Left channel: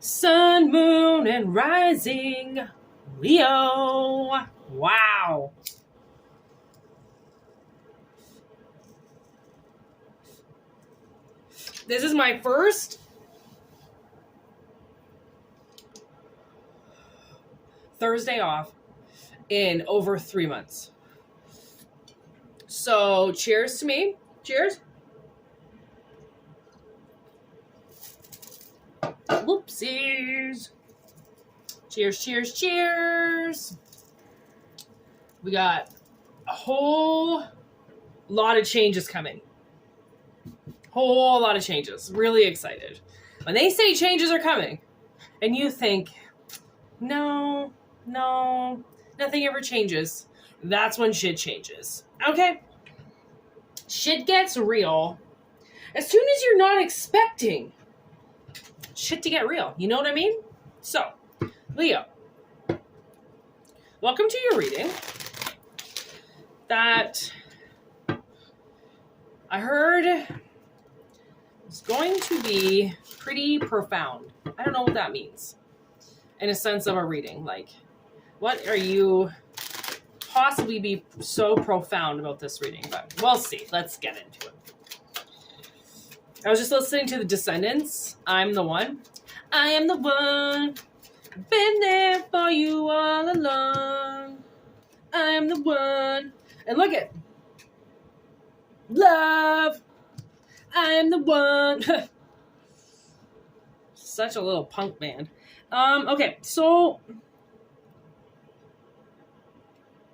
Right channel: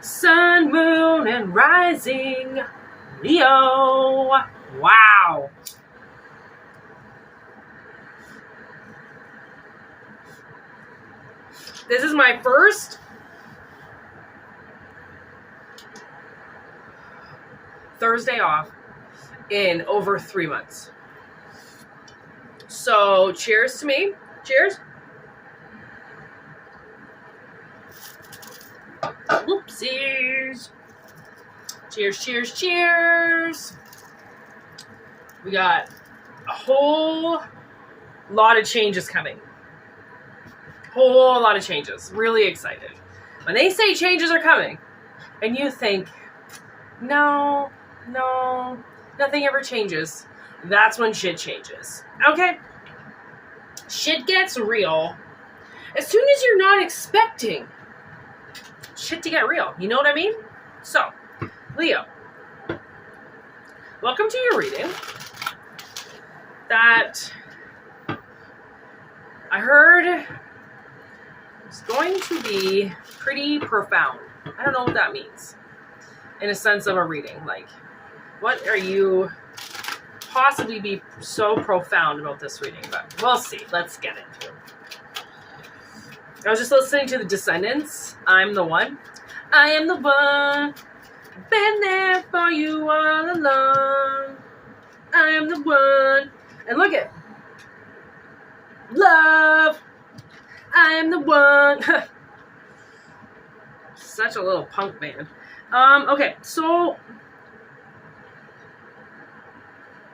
Sun, moon, and rising. Leo. Wow. This is my first Thursday off in over 3 months. So cheers to me. Cheers. Whoopsies. Cheers, cheers, cheers. We got a whole lot of changes coming. Whole lot of changes. Really excited. When they say changes are coming, and you think, no, nothing ever changes, that's when shit changes. Okay? Shit gets real as soon as you're not expecting shit to get real. You know what I mean? So, Leo, welcome to your reading that I heard is going to be pretty profound. I don't know what that means in a sense of a reading. Like, what are you possibly be so profound about this reading? But we'll see. Let's get into it. I was just listening to the Descendants. I'm the one. I am the one. Been there for you all along. I am the one. And look at love. I am the one. Such a little punk band. Okay, so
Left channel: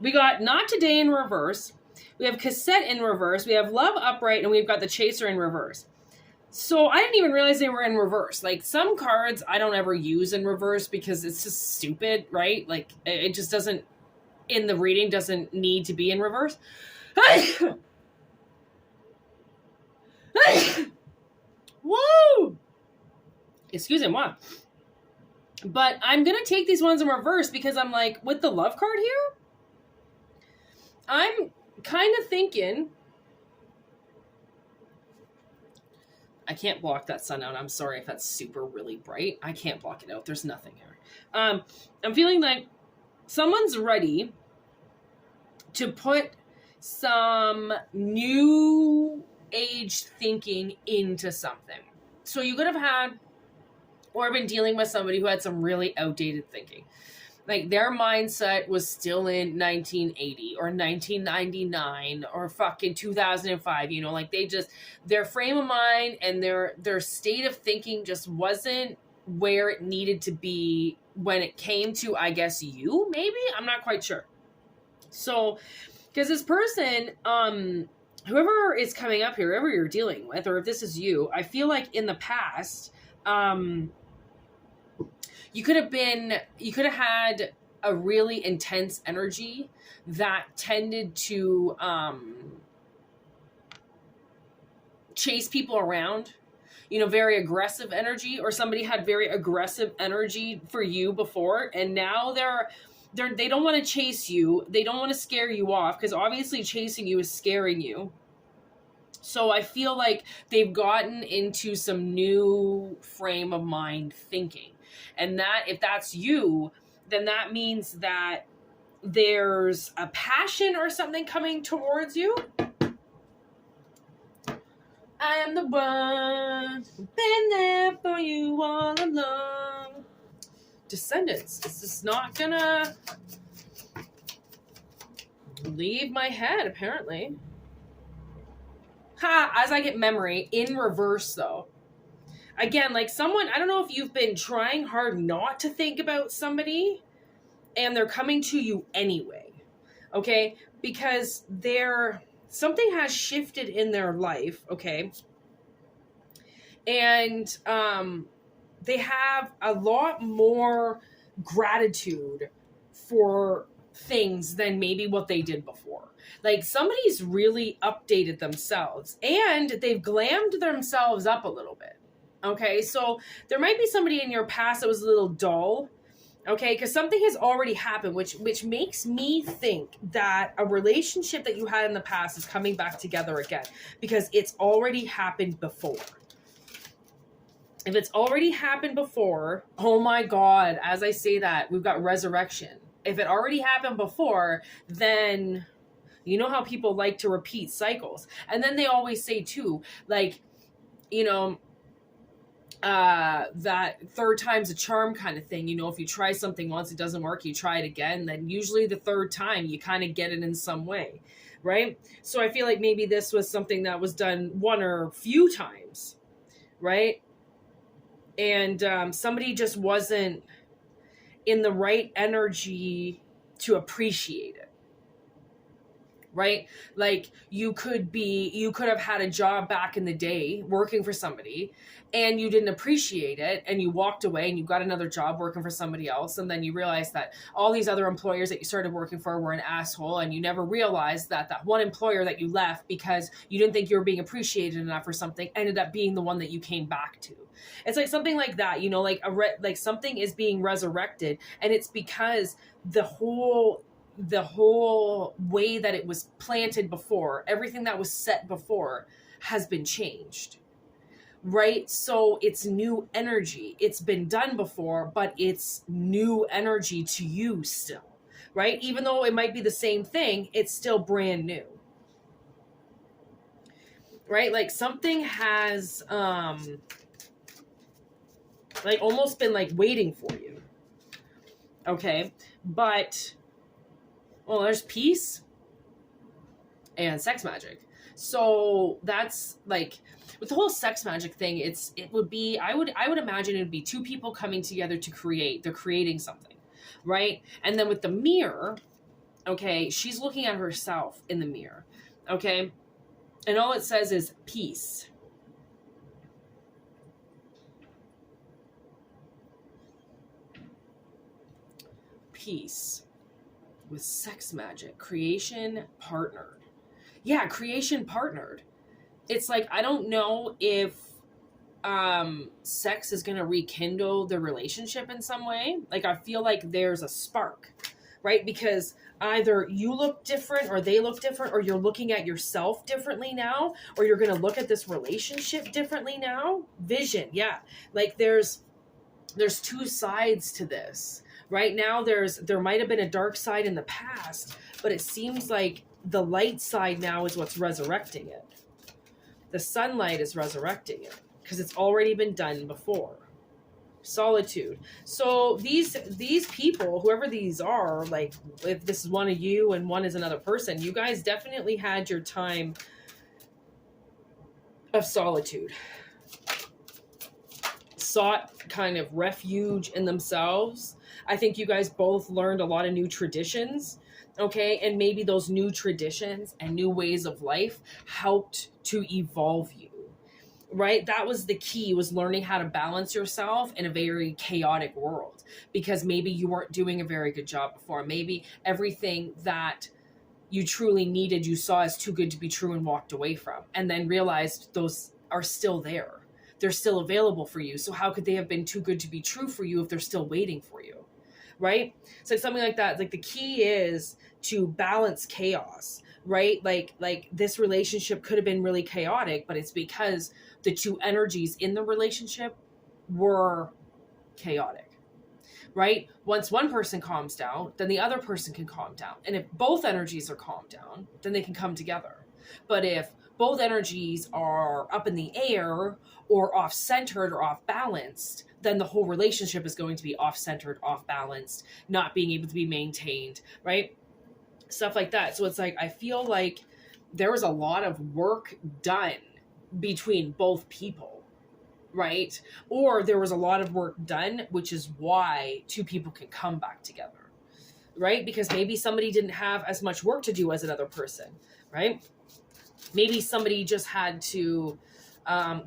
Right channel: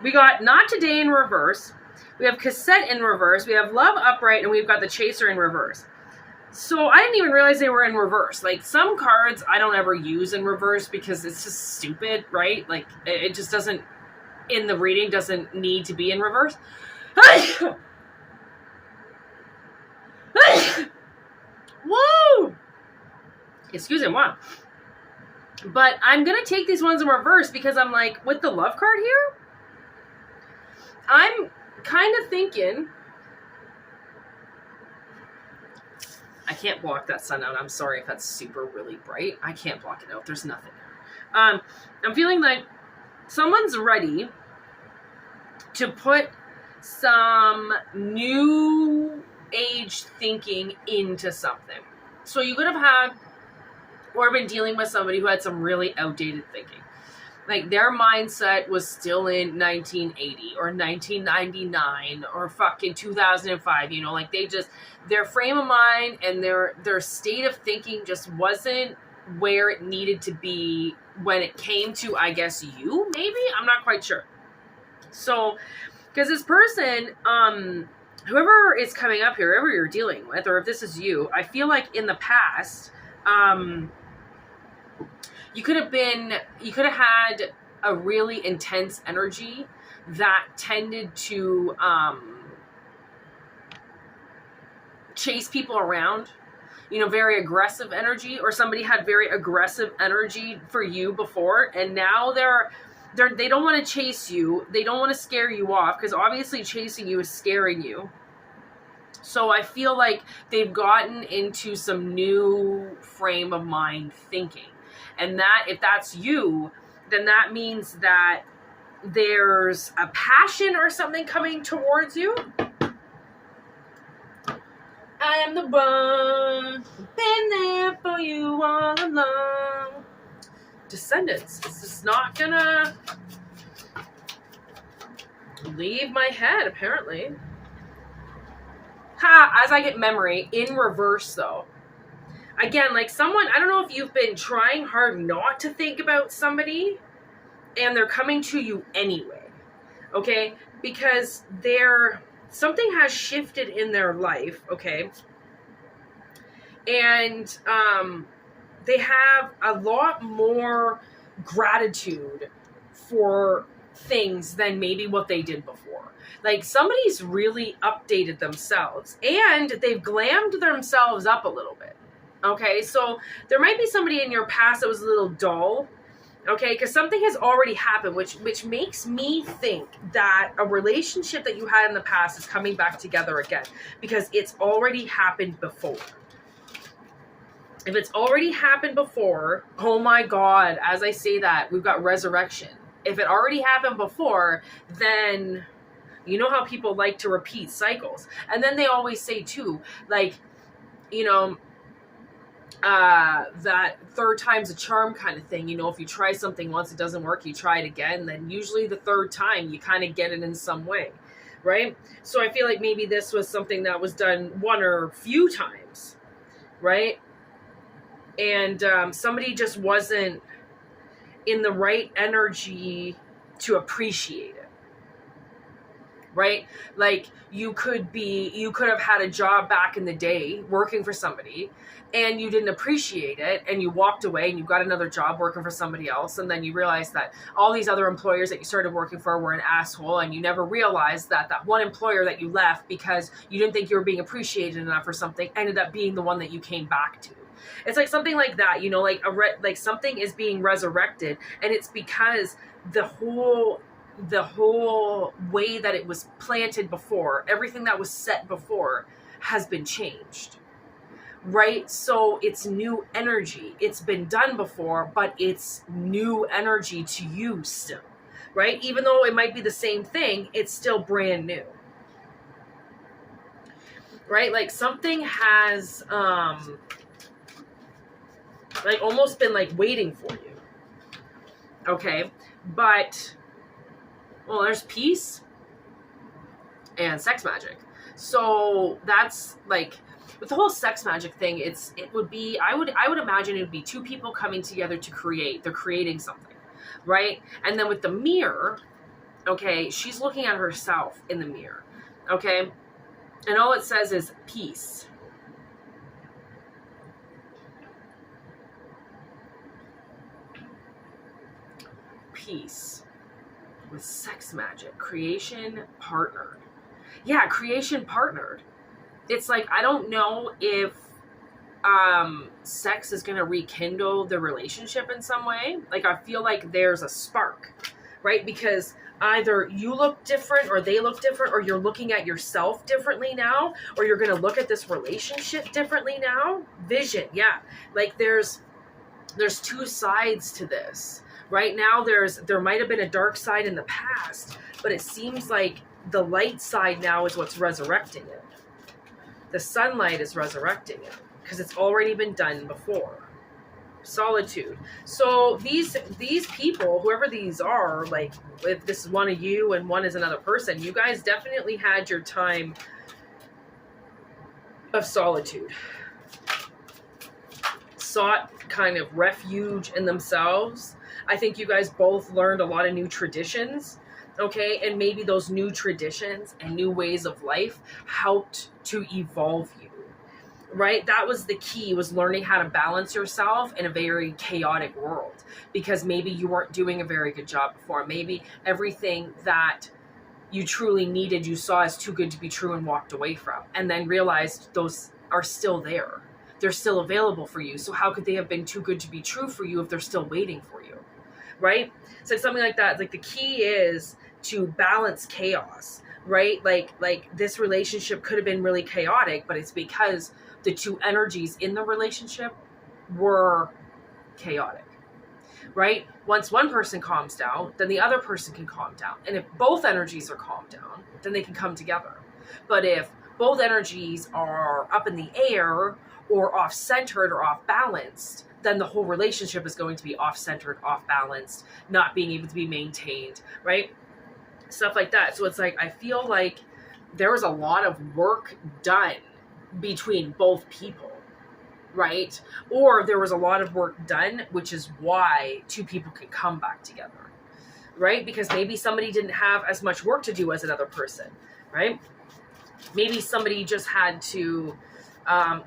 we got Not Today in reverse. We have Cassette in reverse. We have Love upright, and we've got the Chaser in reverse. So I didn't even realize they were in reverse. Like, some cards I don't ever use in reverse because it's just stupid, right? Like, it just doesn't, in the reading, doesn't need to be in reverse. Woo! Excuse me, wow. But I'm going to take these ones in reverse because I'm like, with the love card here, I'm kind of thinking, I can't block that sun out. I'm sorry if that's super really bright. I can't block it out. There's nothing there. I'm feeling like someone's ready to put some new age thinking into something. So you could have had or been dealing with somebody who had some really outdated thinking. Like, their mindset was still in 1980 or 1999 or fucking 2005, you know, like they just, their frame of mind and their state of thinking just wasn't where it needed to be when it came to, I guess, you, maybe? I'm not quite sure. So, because this person, whoever is coming up here, whoever you're dealing with, or if this is you, I feel like in the past, you could have had a really intense energy that tended to chase people around, you know, very aggressive energy, or somebody had very aggressive energy for you before, and now they don't want to chase you. They don't want to scare you off, because obviously chasing you is scaring you. So I feel like they've gotten into some new frame of mind thinking. And that, if that's you, then that means that there's a passion or something coming towards you. I am the one, been there for you all along. Descendants, this is not gonna leave my head, apparently. As I get memory, in reverse though. Again, like someone, I don't know if you've been trying hard not to think about somebody and they're coming to you anyway, okay? Because something has shifted in their life, okay? And they have a lot more gratitude for things than maybe what they did before. Like, somebody's really updated themselves and they've glammed themselves up a little bit. Okay, so there might be somebody in your past that was a little dull, okay, because something has already happened, which makes me think that a relationship that you had in the past is coming back together again, because it's already happened before. If it's already happened before, oh my God, as I say that, we've got resurrection. If it already happened before, then you know how people like to repeat cycles. And then they always say too, like, you know, that third time's a charm kind of thing. You know, if you try something once, it doesn't work, you try it again, then usually the third time you kind of get it in some way, right? So I feel like maybe this was something that was done one or a few times, right? And somebody just wasn't in the right energy to appreciate it, right? Like you could have had a job back in the day working for somebody and you didn't appreciate it and you walked away and you got another job working for somebody else, and then you realized that all these other employers that you started working for were an asshole, and you never realized that that one employer that you left because you didn't think you were being appreciated enough or something ended up being the one that you came back to. It's like something like that, you know, like like something is being resurrected, and it's because the whole way that it was planted before, everything that was set before has been changed, right? So it's new energy. It's been done before, but it's new energy to you still, right? Even though it might be the same thing, it's still brand new, right? Like something has like almost been like waiting for you, okay? But well, there's peace and sex magic. So that's like with the whole sex magic thing, it would be, I would imagine it would be two people coming together to create. They're creating something, right? And then with the mirror, okay, she's looking at herself in the mirror, okay? And all it says is peace. Peace with sex magic, creation partnered. Yeah, creation partnered. It's like, I don't know if sex is going to rekindle the relationship in some way. Like, I feel like there's a spark, right? Because either you look different or they look different, or you're looking at yourself differently now, or you're going to look at this relationship differently now. Vision. Yeah. Like there's two sides to this. Right now, there might have been a dark side in the past, but it seems like the light side now is what's resurrecting it. The sunlight is resurrecting it because it's already been done before. Solitude. So these people, whoever these are, like if this is one of you and one is another person, you guys definitely had your time of solitude. Sought kind of refuge in themselves. I think you guys both learned a lot of new traditions, okay? And maybe those new traditions and new ways of life helped to evolve you, right? That was the key, was learning how to balance yourself in a very chaotic world, because maybe you weren't doing a very good job before. Maybe everything that you truly needed, you saw as too good to be true and walked away from, and then realized those are still there. They're still available for you. So how could they have been too good to be true for you if they're still waiting for you? Right? So it's something like that. Like the key is to balance chaos, right? Like this relationship could have been really chaotic, but it's because the two energies in the relationship were chaotic, right? Once one person calms down, then the other person can calm down. And if both energies are calmed down, then they can come together. But if both energies are up in the air or off-centered or off-balanced, then the whole relationship is going to be off-centered, off-balanced, not being able to be maintained, right? Stuff like that. So it's like, I feel like there was a lot of work done between both people, right? Or there was a lot of work done, which is why two people can come back together, right? Because maybe somebody didn't have as much work to do as another person, right? Maybe somebody just had to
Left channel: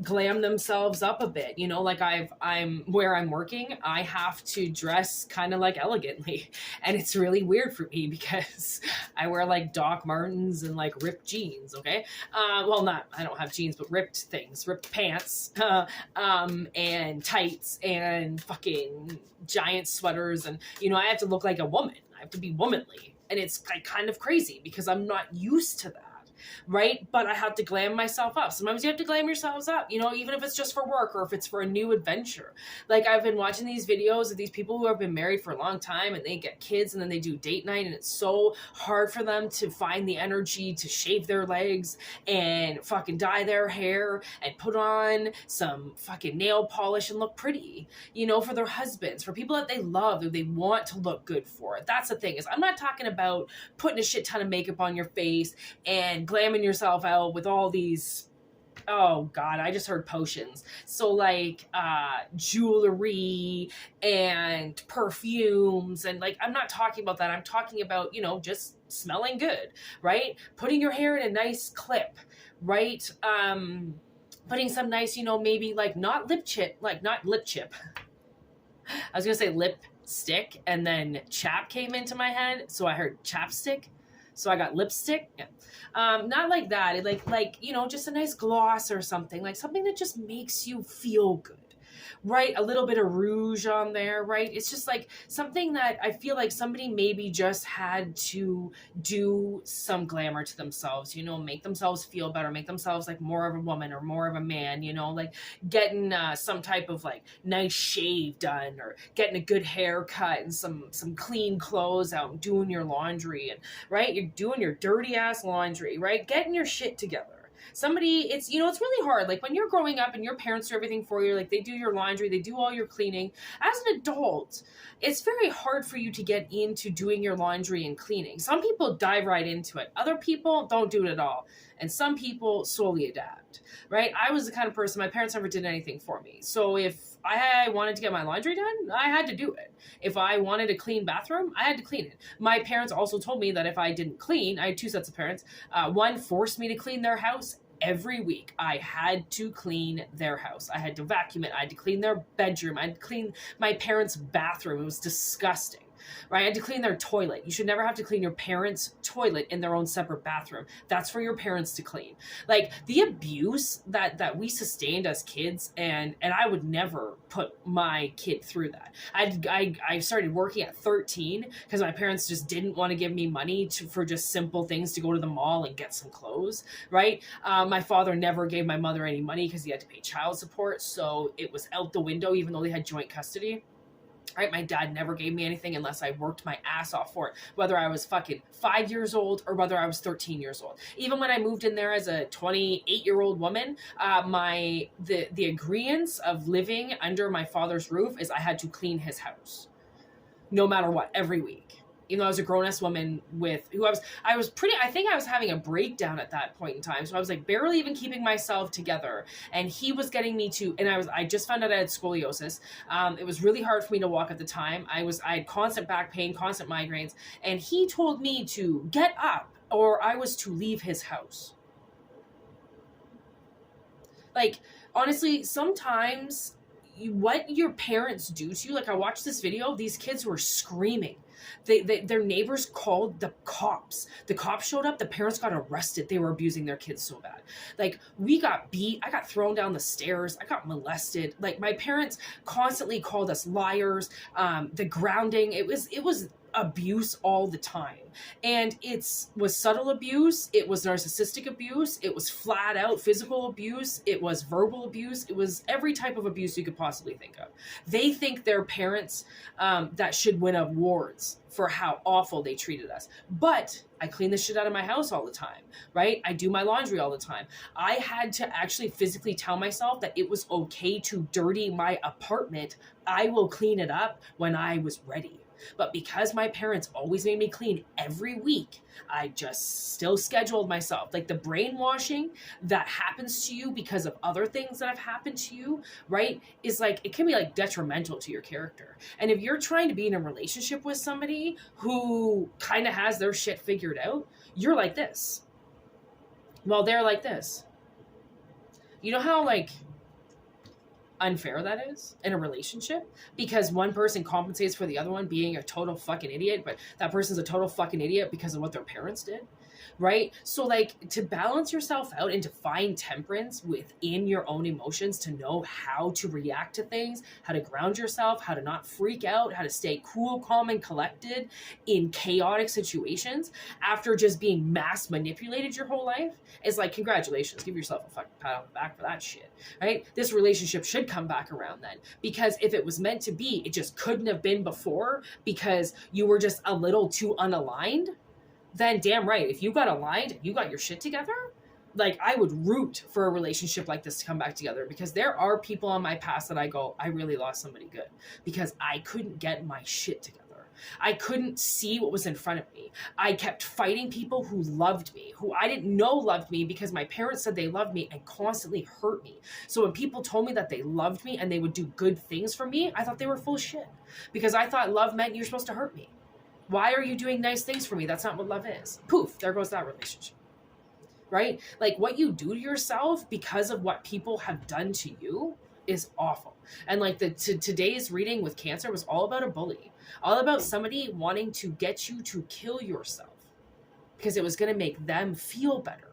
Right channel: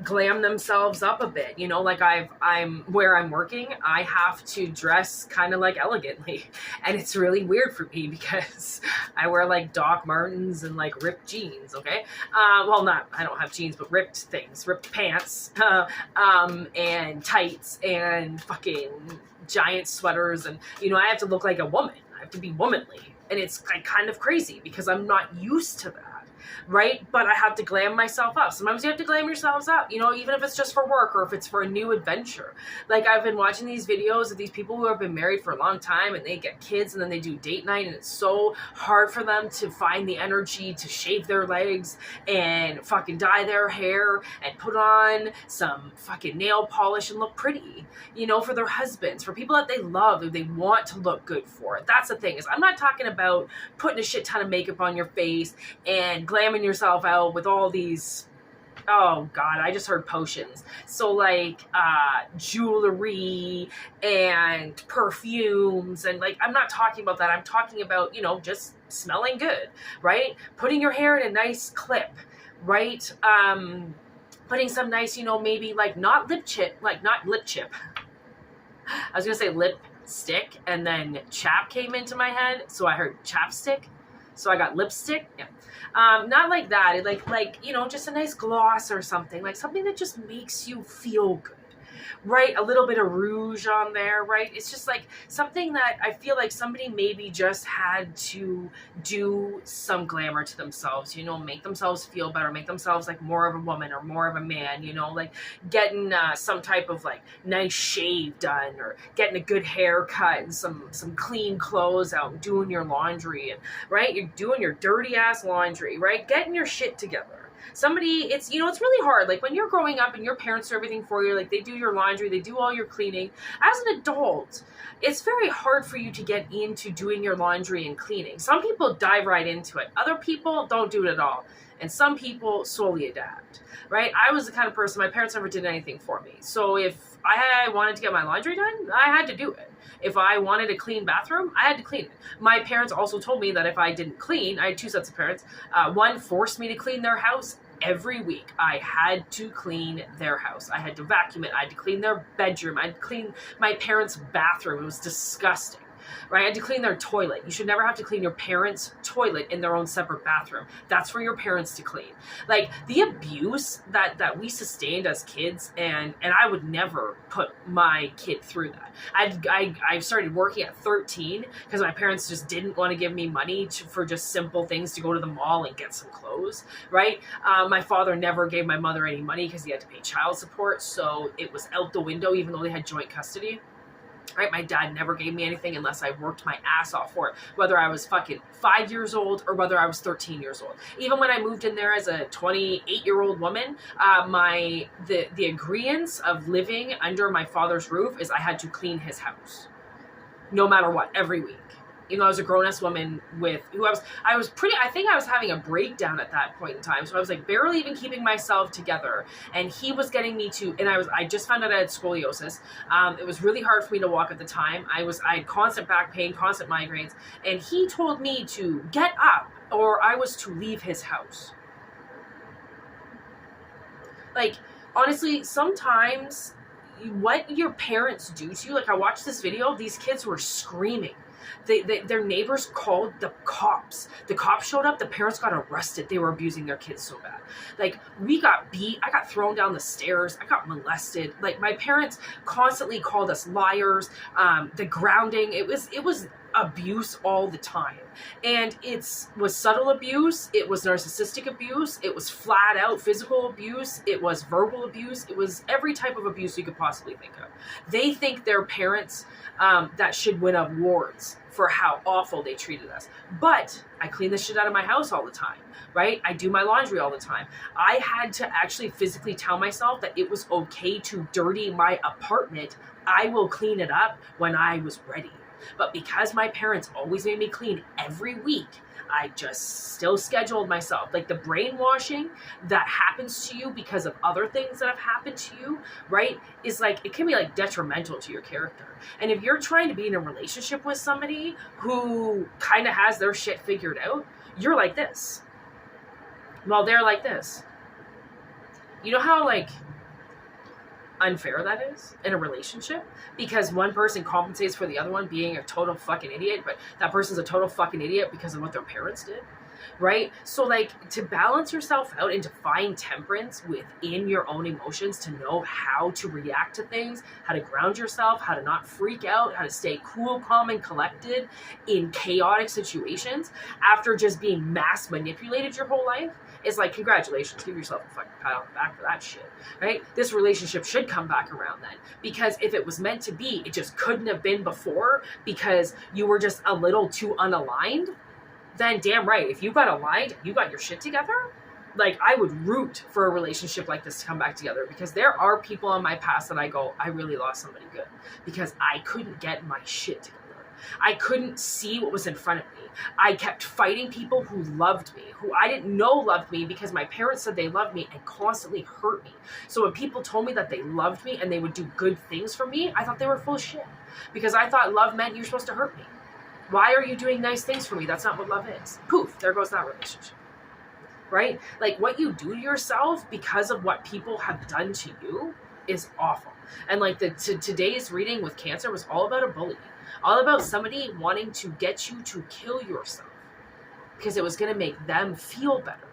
glam themselves up a bit, you know, like I'm where I'm working, I have to dress kind of like elegantly, and it's really weird for me because I wear like Doc Martens and like ripped jeans. Okay. Well, I don't have jeans, but ripped things, ripped pants, and tights and fucking giant sweaters. And, you know, I have to look like a woman. I have to be womanly, and it's like kind of crazy because I'm not used to that. right? But I have to glam myself up. Sometimes you have to glam yourselves up, you know, even if it's just for work or if it's for a new adventure. Like, I've been watching these videos of these people who have been married for a long time and they get kids and then they do date night, and it's so hard for them to find the energy to shave their legs and fucking dye their hair and put on some fucking nail polish and look pretty, you know, for their husbands, for people that they love, who they want to look good for. That's the thing, is I'm not talking about putting a shit ton of makeup on your face and glamming yourself out with all these, oh god, I just heard potions. So like jewelry and perfumes, and like, I'm not talking about that. I'm talking about, you know, just smelling good, right? Putting your hair in a nice clip, right? Putting some nice, you know, maybe like not lip chip. I was gonna say lipstick, and then chap came into my head, so I heard chapstick. So I got lipstick. Yeah. Not like that. Like, you know, just a nice gloss or something. Like something that just makes you feel good. Right? A little bit of rouge on there, right? It's just like something that I feel like somebody maybe just had to do some glamour to themselves, you know, make themselves feel better, make themselves like more of a woman or more of a man, you know, like getting some type of like nice shave done, or getting a good haircut and some clean clothes out, and doing your laundry, and right? You're doing your dirty ass laundry, right? Getting your shit together. Somebody, it's, you know, it's really hard. Like when you're growing up and your parents do everything for you, like they do your laundry, they do all your cleaning. As an adult, it's very hard for you to get into doing your laundry and cleaning. Some people dive right into it. Other people don't do it at all. And some people slowly adapt, right? I was the kind of person, my parents never did anything for me. So if I wanted to get my laundry done, I had to do it. If I wanted a clean bathroom, I had to clean it. My parents also told me that if I didn't clean, I had two sets of parents. One forced me to clean their house every week. I had to clean their house. I had to vacuum it. I had to clean their bedroom. I had to clean my parents' bathroom. It was disgusting. Right? I had to clean their toilet. You should never have to clean your parents' toilet in their own separate bathroom. That's for your parents to clean. Like the abuse that we sustained as kids, and I would never put my kid through that. I started working at 13 because my parents just didn't want to give me money for just simple things, to go to the mall and get some clothes, right? My father never gave my mother any money because he had to pay child support, so it was out the window even though they had joint custody. Right? My dad never gave me anything unless I worked my ass off for it, whether I was fucking 5 years old or whether I was 13 years old. Even when I moved in there as a 28-year-old woman, the agreeance of living under my father's roof is I had to clean his house, no matter what, every week. Even though I was a grown-ass woman I think I was having a breakdown at that point in time. So I was like barely even keeping myself together. And he was getting me to, and I just found out I had scoliosis. It was really hard for me to walk at the time. I had constant back pain, constant migraines. And he told me to get up or I was to leave his house. Like, honestly, sometimes what your parents do to you, like I watched this video, these kids were screaming. Their neighbors called the cops. The cops showed up. The parents got arrested. They were abusing their kids so bad. Like, we got beat. I got thrown down the stairs. I got molested. Like, my parents constantly called us liars. The grounding. It was abuse all the time. And it was subtle abuse. It was narcissistic abuse. It was flat out physical abuse. It was verbal abuse. It was every type of abuse you could possibly think of. They think they're parents that should win awards for how awful they treated us. But I clean the shit out of my house all the time, right? I do my laundry all the time. I had to actually physically tell myself that it was okay to dirty my apartment. I will clean it up when I was ready. But because my parents always made me clean every week, I just still scheduled myself. Like the brainwashing that happens to you because of other things that have happened to you, right, is like, it can be like detrimental to your character. And if you're trying to be in a relationship with somebody who kind of has their shit figured out, you're like this. Well, they're like this. You know how like unfair that is in a relationship, because one person compensates for the other one being a total fucking idiot, but that person's a total fucking idiot because of what their parents did. right? So like to balance yourself out and to find temperance within your own emotions, to know how to react to things, how to ground yourself, how to not freak out, how to stay cool, calm, and collected in chaotic situations after just being mass manipulated your whole life, is like, congratulations, give yourself a fucking pat on the back for that shit, right? This relationship should come back around then, because if it was meant to be, it just couldn't have been before because you were just a little too unaligned. Then damn right, if you got aligned, you got your shit together, like I would root for a relationship like this to come back together, because there are people in my past that I go, I really lost somebody good because I couldn't get my shit together. I couldn't see what was in front of me. I kept fighting people who loved me, who I didn't know loved me, because my parents said they loved me and constantly hurt me. So when people told me that they loved me and they would do good things for me, I thought they were full of shit, because I thought love meant you're supposed to hurt me. Why are you doing nice things for me? That's not what love is. Poof, there goes that relationship. Right? Like what you do to yourself because of what people have done to you is awful. And like today's reading with Cancer was all about a bully. All about somebody wanting to get you to kill yourself because it was going to make them feel better.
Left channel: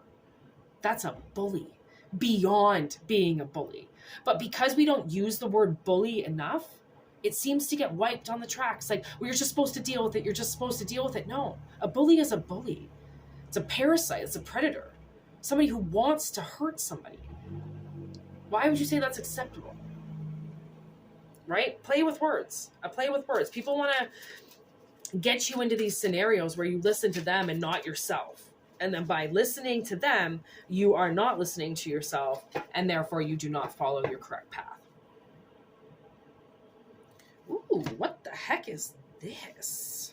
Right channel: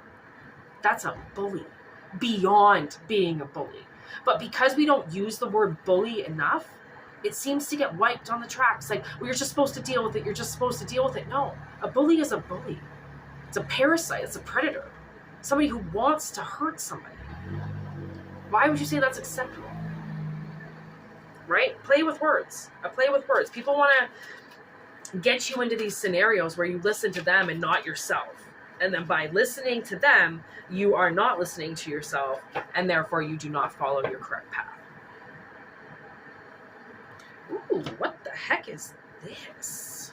That's a bully beyond being a bully. But because we don't use the word bully enough, it seems to get wiped on the tracks. Like, well, you're just supposed to deal with it. You're just supposed to deal with it. No, a bully is a bully. It's a parasite. It's a predator. Somebody who wants to hurt somebody. Why would you say that's acceptable? Right? Play with words. I play with words. People want to get you into these scenarios where you listen to them and not yourself. And then by listening to them, you are not listening to yourself, and therefore you do not follow your correct path. Ooh, what the heck is this?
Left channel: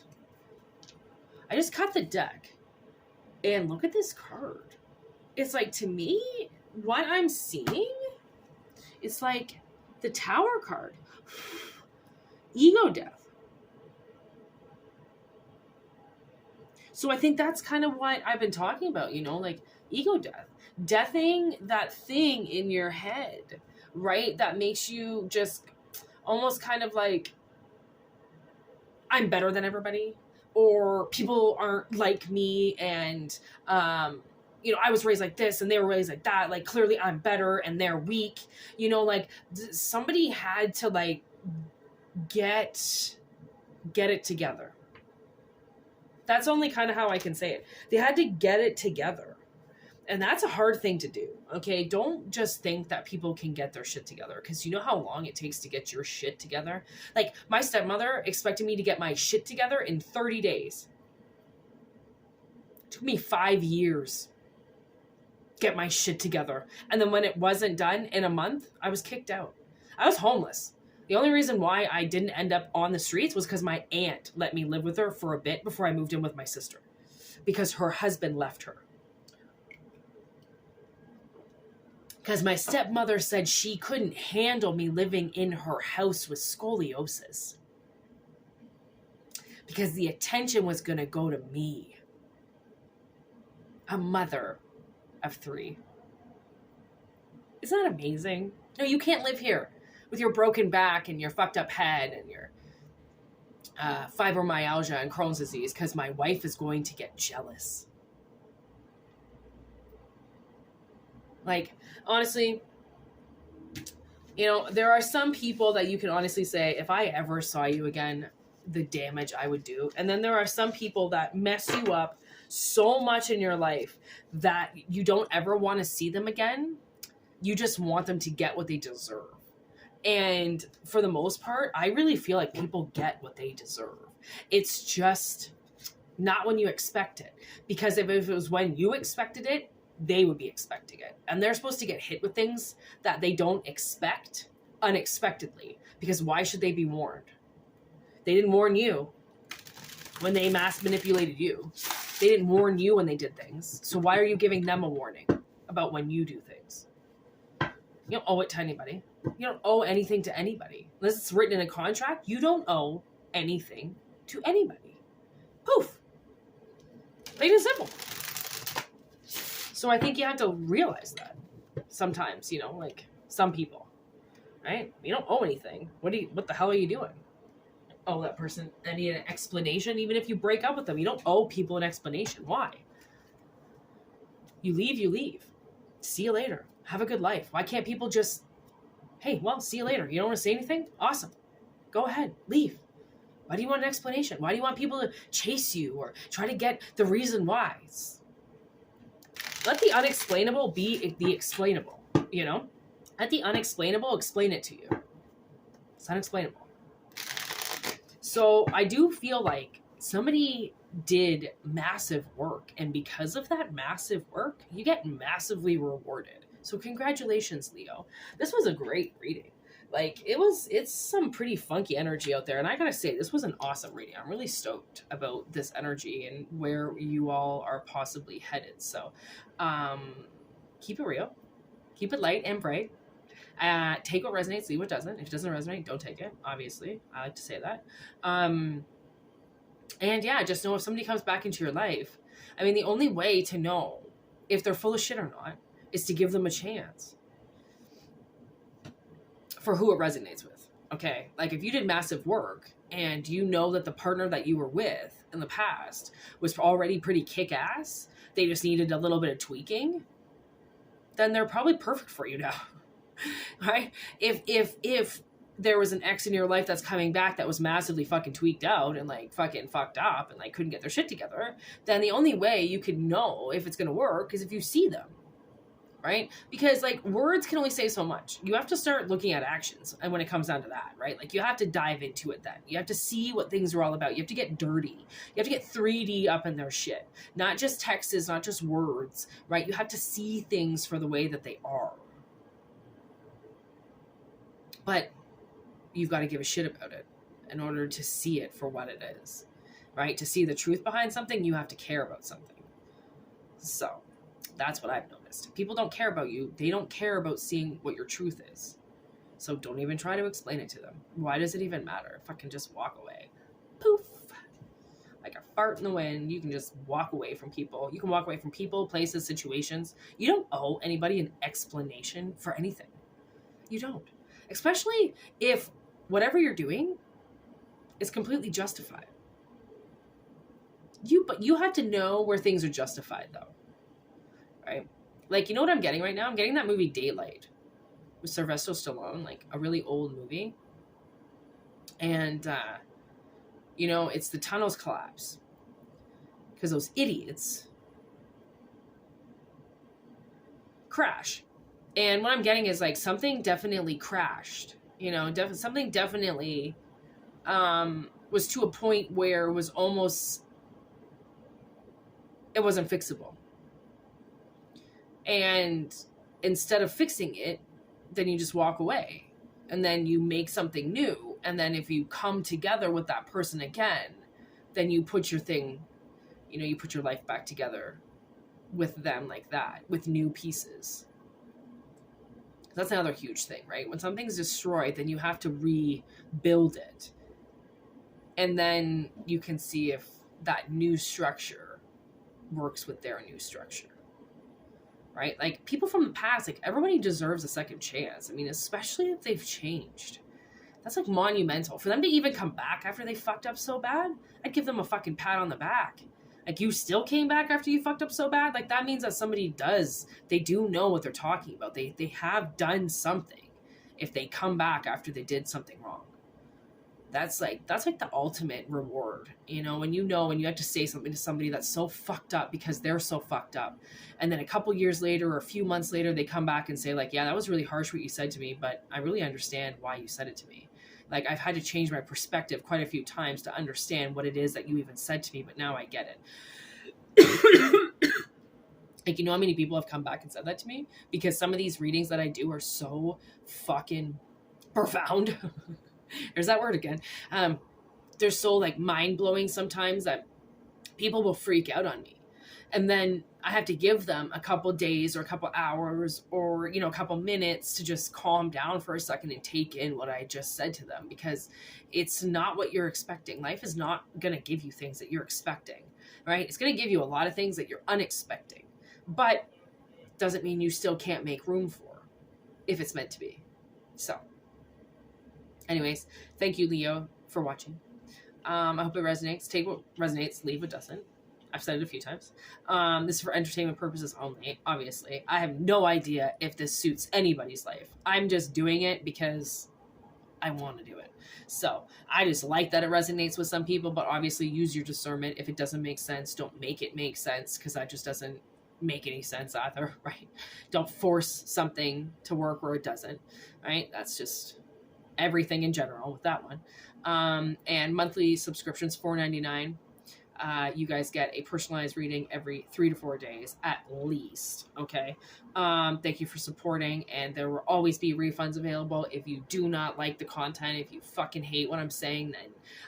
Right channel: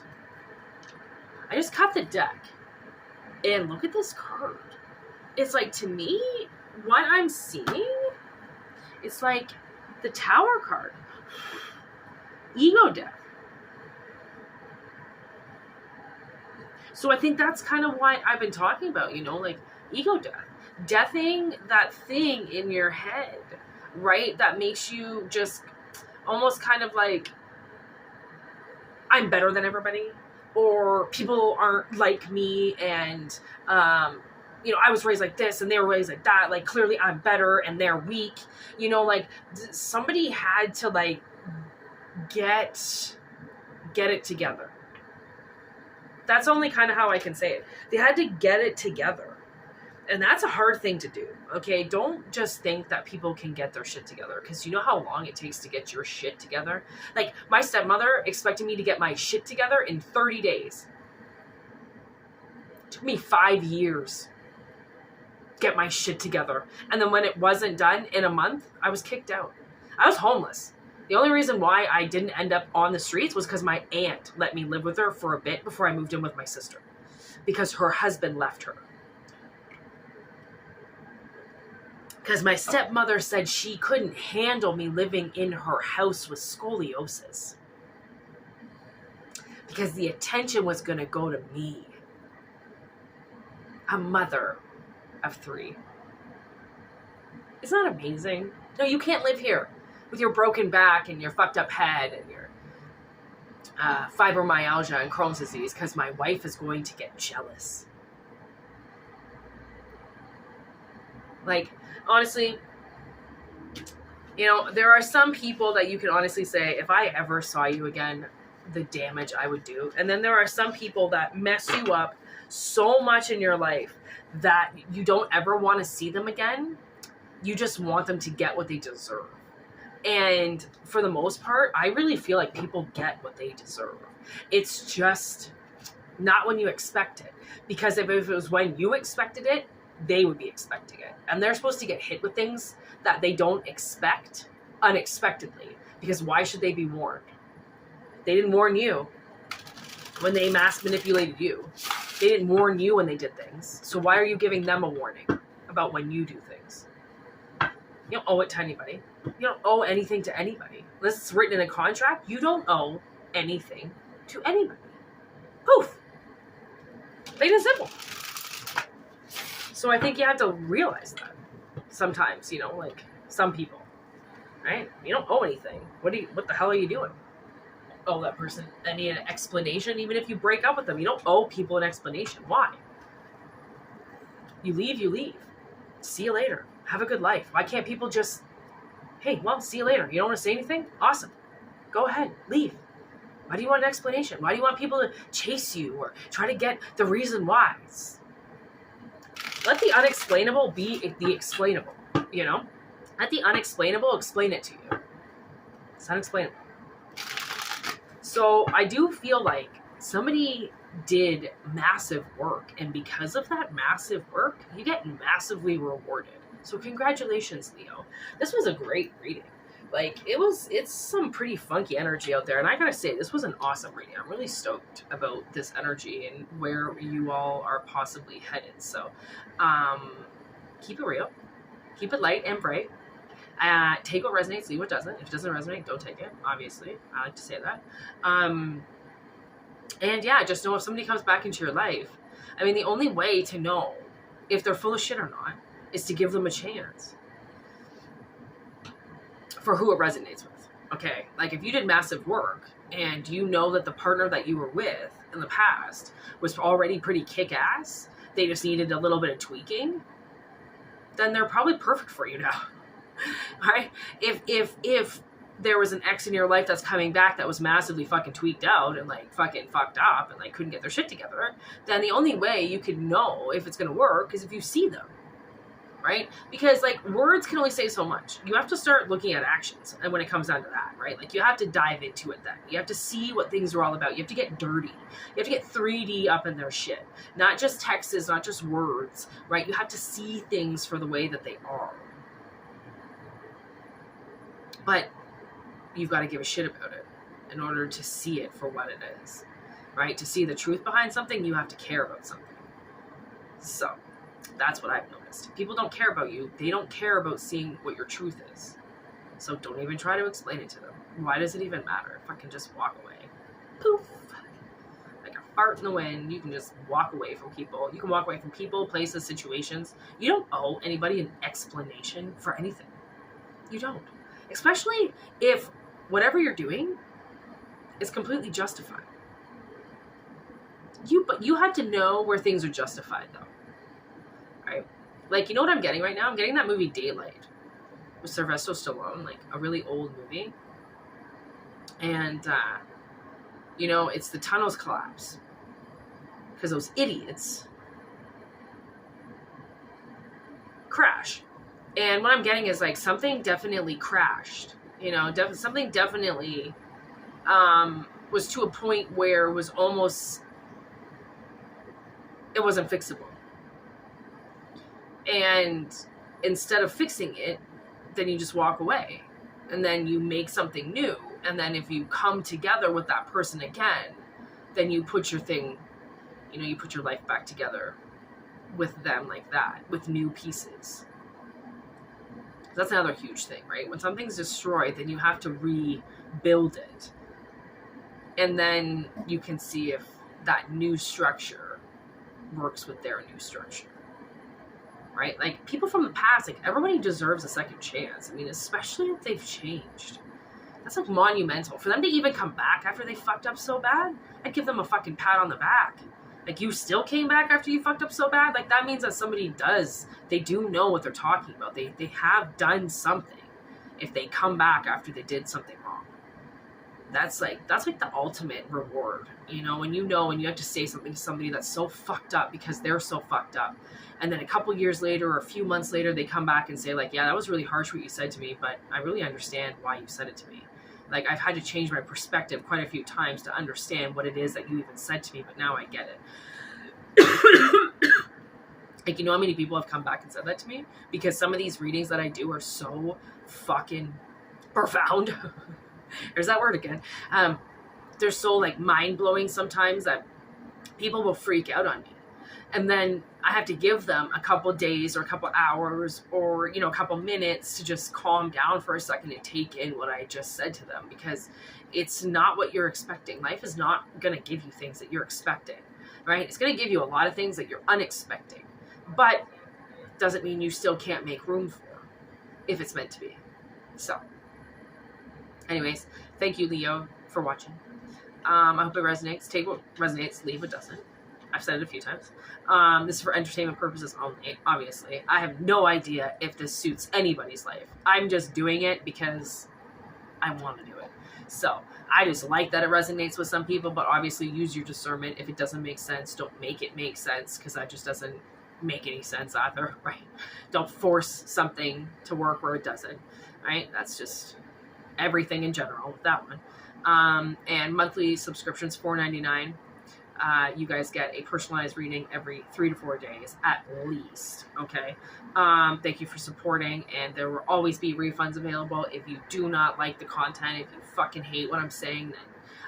I just cut the deck. And look at this card. It's like, to me, what I'm seeing, it's like the Tower card. Ego death. So I think that's kind of what I've been talking about, like ego death. Deathing that thing in your head, right? That makes you just almost kind of like, I'm better than everybody, or people aren't like me, and I was raised like this and they were raised like that, like clearly I'm better and they're weak, like somebody had to like get it together. That's only kind of how I can say it. They had to get it together. And that's a hard thing to do, okay? Don't just think that people can get their shit together, because you know how long it takes to get your shit together? Like, my stepmother expected me to get my shit together in 30 days. It took me 5 years to get my shit together. And then when it wasn't done in a month, I was kicked out. I was homeless. The only reason why I didn't end up on the streets was because my aunt let me live with her for a bit before I moved in with my sister, because her husband left her. Because my stepmother said she couldn't handle me living in her house with scoliosis, because the attention was going to go to me, a mother of 3. Isn't that amazing? No, you can't live here with your broken back and your fucked up head and your fibromyalgia and Crohn's disease, because my wife is going to get jealous. Like, honestly, there are some people that you can honestly say, if I ever saw you again, the damage I would do. And then there are some people that mess you up so much in your life that you don't ever want to see them again. You just want them to get what they deserve. And for the most part, I really feel like people get what they deserve. It's just not when you expect it. Because if it was when you expected it, they would be expecting it. And they're supposed to get hit with things that they don't expect unexpectedly. Because why should they be warned? They didn't warn you when they mass manipulated you. They didn't warn you when they did things. So why are you giving them a warning about when you do things? You don't owe it to anybody. You don't owe anything to anybody. Unless it's written in a contract, you don't owe anything to anybody. Poof. Plain and simple. So I think you have to realize that sometimes, like some people, right? You don't owe anything. What the hell are you doing? Oh, that person, I need an explanation. Even if you break up with them, you don't owe people an explanation. Why? You leave, you leave. See you later. Have a good life. Why can't people just, hey, well, see you later. You don't want to say anything? Awesome. Go ahead. Leave. Why do you want an explanation? Why do you want people to chase you or try to get the reason why? Let the unexplainable be the explainable, you know? Let the unexplainable explain it to you. It's unexplainable. So I do feel like somebody did massive work, and because of that massive work, you get massively rewarded. So congratulations, Leo. This was a great reading. Like, it's some pretty funky energy out there, and I gotta say, this was an awesome reading. I'm really stoked about this energy and where you all are possibly headed. So keep it real, keep it light and bright. Take what resonates, leave what doesn't. If it doesn't resonate, don't take it. Obviously, I like to say that. And yeah, just know if somebody comes back into your life, I mean, the only way to know if they're full of shit or not is to give them a chance for who it resonates with. Okay, like if you did massive work and you know that the partner that you were with in the past was already pretty kick-ass, they just needed a little bit of tweaking, then they're probably perfect for you now. Right? If there was an ex in your life that's coming back that was massively fucking tweaked out and like fucking fucked up and like couldn't get their shit together, then the only way you could know if it's gonna work is if you see them. Right? Because like words can only say so much. You have to start looking at actions, and when it comes down to that, right? Like you have to dive into it then. You have to see what things are all about. You have to get dirty. You have to get 3D up in their shit. Not just texts, not just words, right? You have to see things for the way that they are. But you've got to give a shit about it in order to see it for what it is, right? To see the truth behind something, you have to care about something. So that's what I've noticed. People don't care about you. They don't care about seeing what your truth is. So don't even try to explain it to them. Why does it even matter? Fucking just walk away. Poof. Like a fart in the wind. You can just walk away from people. You can walk away from people, places, situations. You don't owe anybody an explanation for anything. You don't. Especially if whatever you're doing is completely justified. But you have to know where things are justified, though. Right? Like, you know what I'm getting right now? I'm getting that movie Daylight with Sylvester Stallone, like a really old movie. And, you know, it's the tunnels collapse because those idiots crash. And what I'm getting is like something definitely crashed, you know, something definitely was to a point where it was almost, it wasn't fixable. And instead of fixing it, then you just walk away and then you make something new. And then if you come together with that person again, then you put your thing, you know, you put your life back together with them like that, with new pieces. That's another huge thing, right? When something's destroyed, then you have to rebuild it. And then you can see if that new structure works with their new structure. Right? Like, people from the past, like, everybody deserves a second chance. I mean, especially if they've changed. That's, like, monumental. For them to even come back after they fucked up so bad, I'd give them a fucking pat on the back. Like, you still came back after you fucked up so bad? Like, that means that somebody they do know what they're talking about. They have done something if they come back after they did something wrong. That's like the ultimate reward, you know, when you have to say something to somebody that's so fucked up because they're so fucked up. And then a couple years later or a few months later, they come back and say like, yeah, that was really harsh what you said to me, but I really understand why you said it to me. Like, I've had to change my perspective quite a few times to understand what it is that you even said to me, but now I get it. Like, you know how many people have come back and said that to me? Because some of these readings that I do are so fucking profound. There's that word again. They're so like mind-blowing sometimes that people will freak out on me. And then I have to give them a couple days or a couple hours or, you know, a couple minutes to just calm down for a second and take in what I just said to them, because it's not what you're expecting. Life is not going to give you things that you're expecting, right? It's going to give you a lot of things that you're unexpecting, but doesn't mean you still can't make room for if it's meant to be. So anyways, thank you, Leo, for watching. I hope it resonates. Take what resonates, leave what doesn't. I've said it a few times. This is for entertainment purposes only, obviously. I have no idea if this suits anybody's life. I'm just doing it because I want to do it. So I just like that it resonates with some people, but obviously use your discernment. If it doesn't make sense, don't make it make sense, because that just doesn't make any sense either, right? Don't force something to work where it doesn't, right? That's just everything in general with that one. And monthly subscriptions, $4.99. You guys get a personalized reading every 3 to 4 days at least. Okay. Thank you for supporting, and there will always be refunds available. If you do not like the content, if you fucking hate what I'm saying, then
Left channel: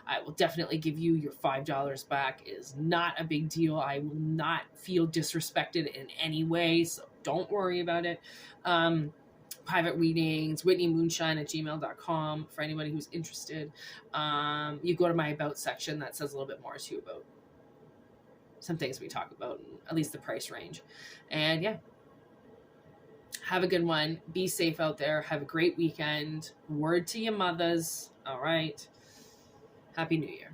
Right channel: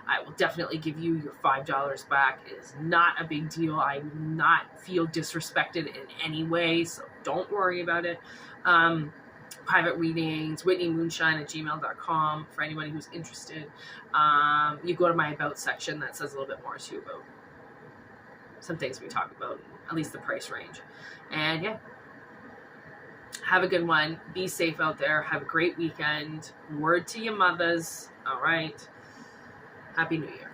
I will definitely give you your $5 back. It is not a big deal. I will not feel disrespected in any way, so don't worry about it. Private readings, whitneymoonshine@gmail.com for anybody who's interested. You go to my about section that says a little bit more too about some things we talk about, at least the price range. And yeah, have a good one. Be safe out there. Have a great weekend. Word to your mothers. All right. Happy New Year.